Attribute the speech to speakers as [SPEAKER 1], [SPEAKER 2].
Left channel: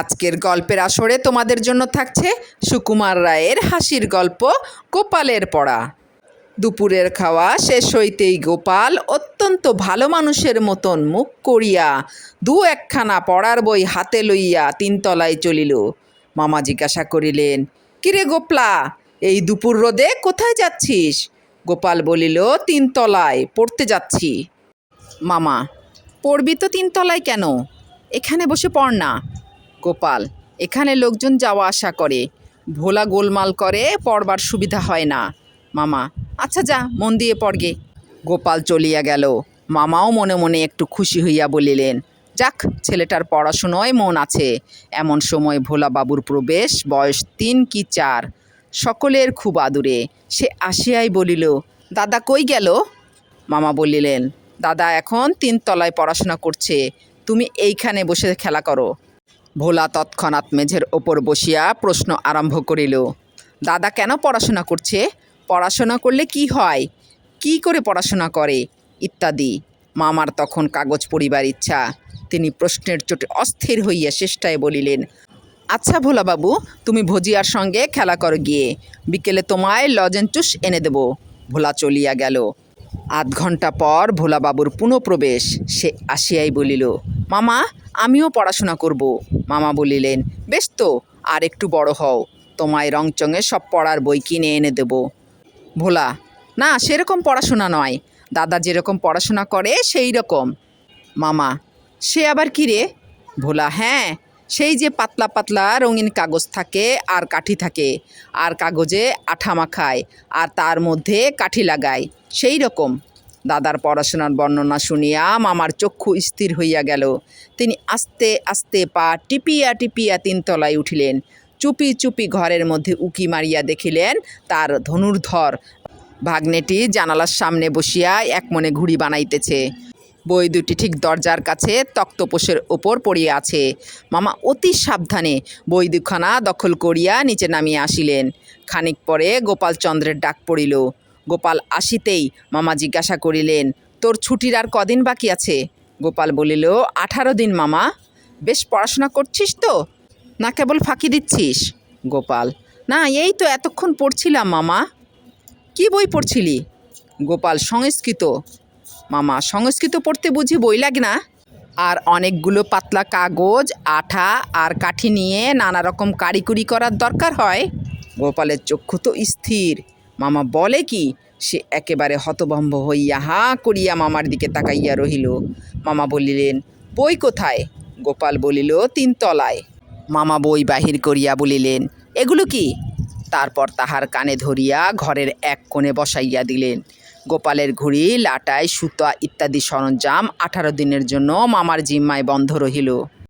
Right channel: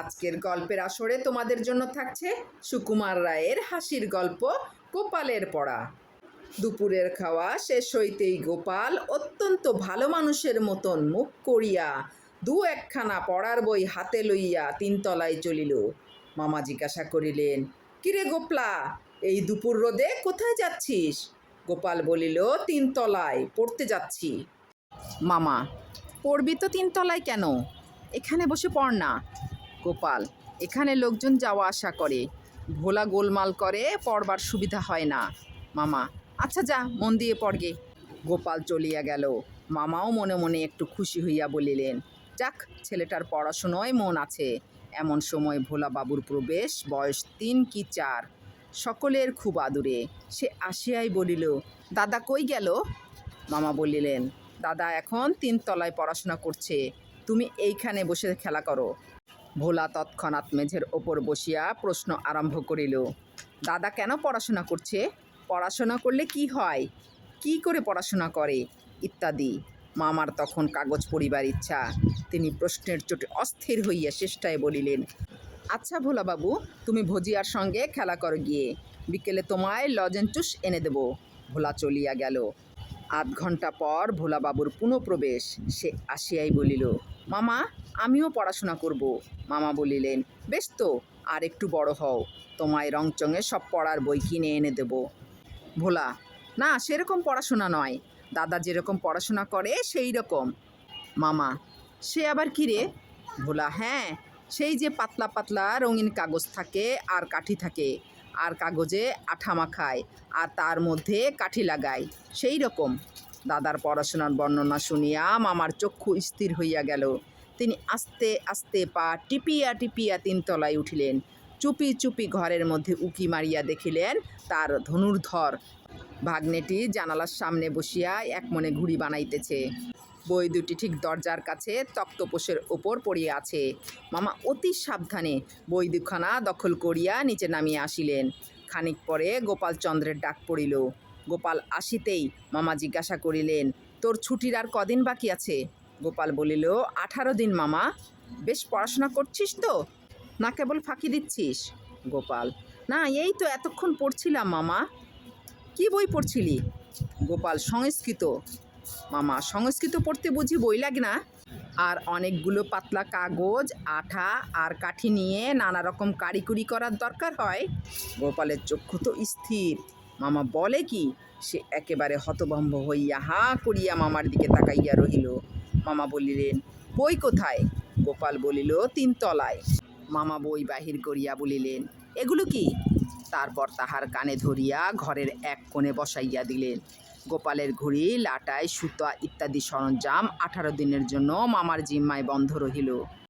[SPEAKER 1] আজকের গল্পের আসরে তোমাদের জন্য থাকছে সুকুমার রায়ের হাসির গল্প, গোপালের পড়া। দুপুরের খাওয়া শেষ হইতেই গোপাল অত্যন্ত ভালো মানুষের মতন মুখ করিয়া দু একখানা পড়ার বই হাতে লইয়া তিনতলায় চলিল। মামা জিজ্ঞাসা করিলেন, কিরে গোপলা, এই দুপুর রোদে কোথায় যাচ্ছিস? গোপাল বলিল, তিনতলায় পড়তে যাচ্ছি। মামা, পড়বি তো তিনতলায় কেন? এখানে বসে পড় না। গোপাল। এখানে লোকজন যাওয়া আসা করে। ভোলা গোলমাল করে, পড়বার সুবিধা হয় না। মামা আচ্ছা যা, মন দিয়ে পড়গে। গোপাল চলিয়া গেল। মামাও মনে মনে একটু খুশি হইয়া বলিলেন, যাক, ছেলেটার পড়াশুনোয় মন আছে। এমন সময় ভোলা বাবুর প্রবেশ, বয়স তিন কি চার। সকলের খুব আদুরে। সে আসিয়াই বলিল, দাদা কই গেল? মামা বলিলেন, দাদা এখন তিনতলায় পড়াশোনা করছে। তুমি এইখানে বসে খেলা করো। ভোলা তৎক্ষণাৎ মেঝের ওপর বসিয়া প্রশ্ন আরম্ভ করিল, দাদা কেন পড়াশোনা করছে? পড়াশোনা করলে কি হয়? কি করে পড়াশোনা করে? ইত্যাদি। মামার তখন কাগজ পড়িবার ইচ্ছা। তিনি প্রশ্নের চোটে অস্থির হইয়া চেষ্টায় বলিলেন আচ্ছা ভোলাবাবু, তুমি ভজিয়ার সঙ্গে খেলা করো গিয়ে। বিকেলে তোমায় লজেন্টুস এনে দেব। ভোলা চলিয়া গেল। আধ ঘণ্টা পর ভোলাবাবুর পুনঃপ্রবেশ। সে আসিয়াই বলিল মামা, আমিও পড়াশোনা করব। মামা বলিলেন, বেশ তো, আর একটু বড় হও, তোমায় রংচঙে সব পড়ার বই কিনে এনে দেব। ভোলা, না, সেরকম পড়াশোনা নয়, দাদা যেরকম পড়াশোনা করে, সেই রকম। মামা, সে আবার কি রে? ভোলা হ্যাঁ সেই যে পাতলা পাতলা রঙিন কাগজ থাকে আর কাঠি থাকে, আর কাগজে আঠা মাখায়, আর তার মধ্যে কাঠি লাগায়, সেই রকম। দাদার পড়াশোনার বর্ণনা শুনিয়া মামার চক্ষু স্থির হইয়া গেল। তিনি আস্তে আস্তে পা টিপিয়া টিপিয়া তিনতলায় উঠিলেন। চুপি চুপি ঘরের মধ্যে উকি মারিয়া দেখিলেন তার ধনুর্ধর। ভাগ্নেটি জানালার সামনে বসিয়া এক মনে ঘুড়ি বানাইতেছে। বই দুটি ঠিক দরজার কাছে তক্তপোষের ওপর পড়িয়া আছে। মামা অতি সাবধানে বই দুখানা দখল করিয়া নিচে নামিয়া আসিলেন। খানিক পরে গোপালচন্দ্রের ডাক পড়িল। গোপাল আসিতেই মামা জিজ্ঞাসা করিলেন, তোর ছুটির আর কদিন বাকি আছে? গোপাল বলিল, আঠারো দিন মামা। বেশ পড়াশোনা করছিস তো? না কেবল ফাঁকি দিচ্ছিস? গোপাল, না, এই তো এতক্ষণ পড়ছিলাম মামা। কি বই পড়ছিলি? গোপাল, সংস্কৃত। মামা, সংস্কৃত পড়তে বুঝি বই লাগে না? আর অনেকগুলো পাতলা কাগজ, আঠা আর কাঠি নিয়ে নানা রকম কারিকুরি করার দরকার হয়? গোপালের চক্ষু তো স্থির। মামা বলে কি? সে একেবারে হতভম্ব হইয়া হা করিয়া মামার দিকে তাকাইয়া রহিল। মামা বলিলেন, বই কোথায়? গোপাল বলিল তিনতলায় মামা বই বাহির করিয়া বলিলেন, এগুলো কি? তারপর তাহার কানে ধরিয়া ঘরের এক কোণে বসাইয়া দিলেন। গোপালের ঘুড়ি লাটাই সুতা ইত্যাদি সরঞ্জাম আঠারো দিনের জন্য মামার জিম্মায় বন্ধ রহিল।